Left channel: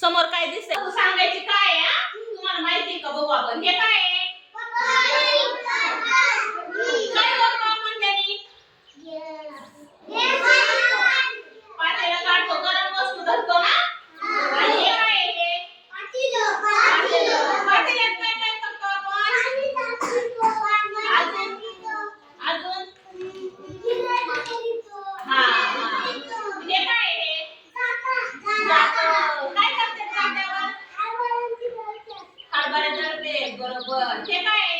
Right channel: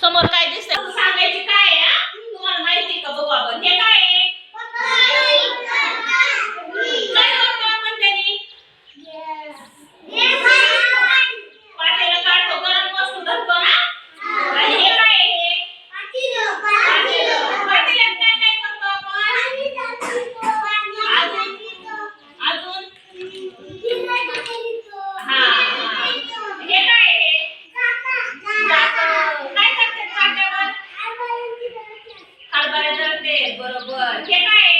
समोर काय दिसतंय सांगायची काय आहे हा? तुम्हाला माहिती का बघू आपण हे काय आहे? काय करतो आपण त्यांनी? पातेलं काढतो, गरम वस्तू धरतो ना? आणि हे काय आहे हे? पातेलं. पातेल्यात काय काय करतो आपण? अजून हा हा. हे काय आहे हे? जातं. काय करते जात्यावर? हरभरे दळते. बरोबर. हे काय आहे?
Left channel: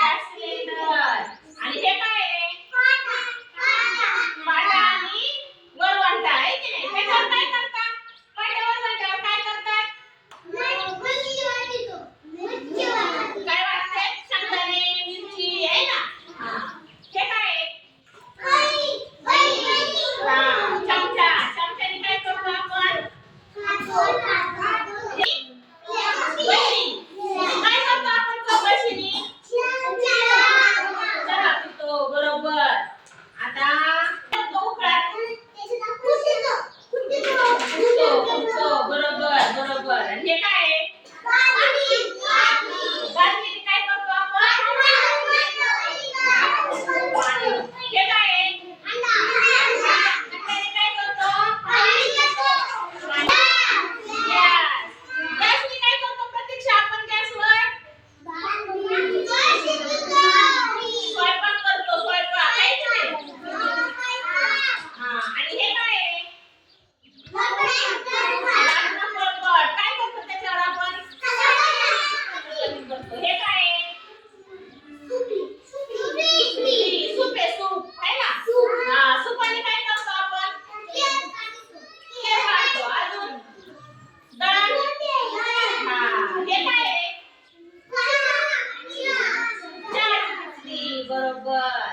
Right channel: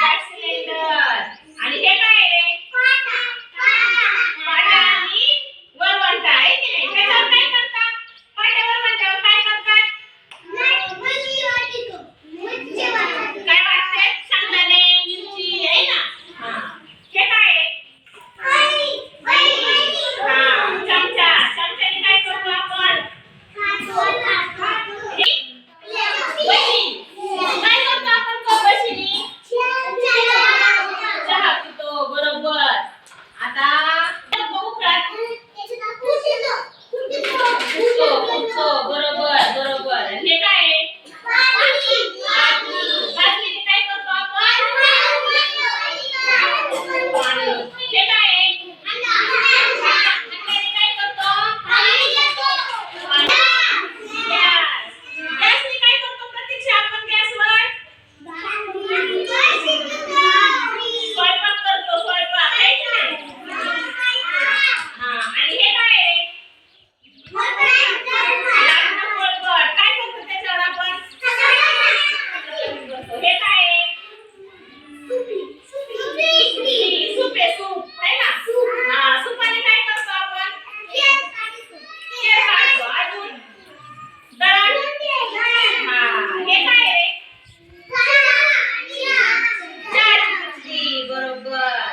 Gas cylinder. आणि हे काय आहे? पाटा आणि वरवंटा आहे की नाही? त्याच्यावर काय करतात? पाट्या वरवंट्यावर काय करतात? काय वाटतंय? शेंगदाणे, मिरची आहे ना? हा. हे काय आहे? हा, चमचा. चमच्याने काय करतो आपण? बशी. काय करतो आपण बशीने? चहा पितो. बरोबर. आता उठतो. बरोबर बरोबर. आणि हे काय आहे? बादलीने काय करतो आपण? पाणी. हे काय आहे? हाताने काय करतो? गॅस. गॅसने काय करतो प्रतीक्षा आपण गॅसवर? स्वयंपाक करतो. स्वयंपाक आहे की नाही? हा. आणि हे काय आहे? लाकडं पोळपाट. काय करतो त्याच्यावर आपण? हे काय आहे? सूप आहे सूप. है ना? हा. सूपाने काय करतो आपण? केर काढतो. अजून दळण. हा. हे काय आहे? चहाची पत्ती. बरोबर.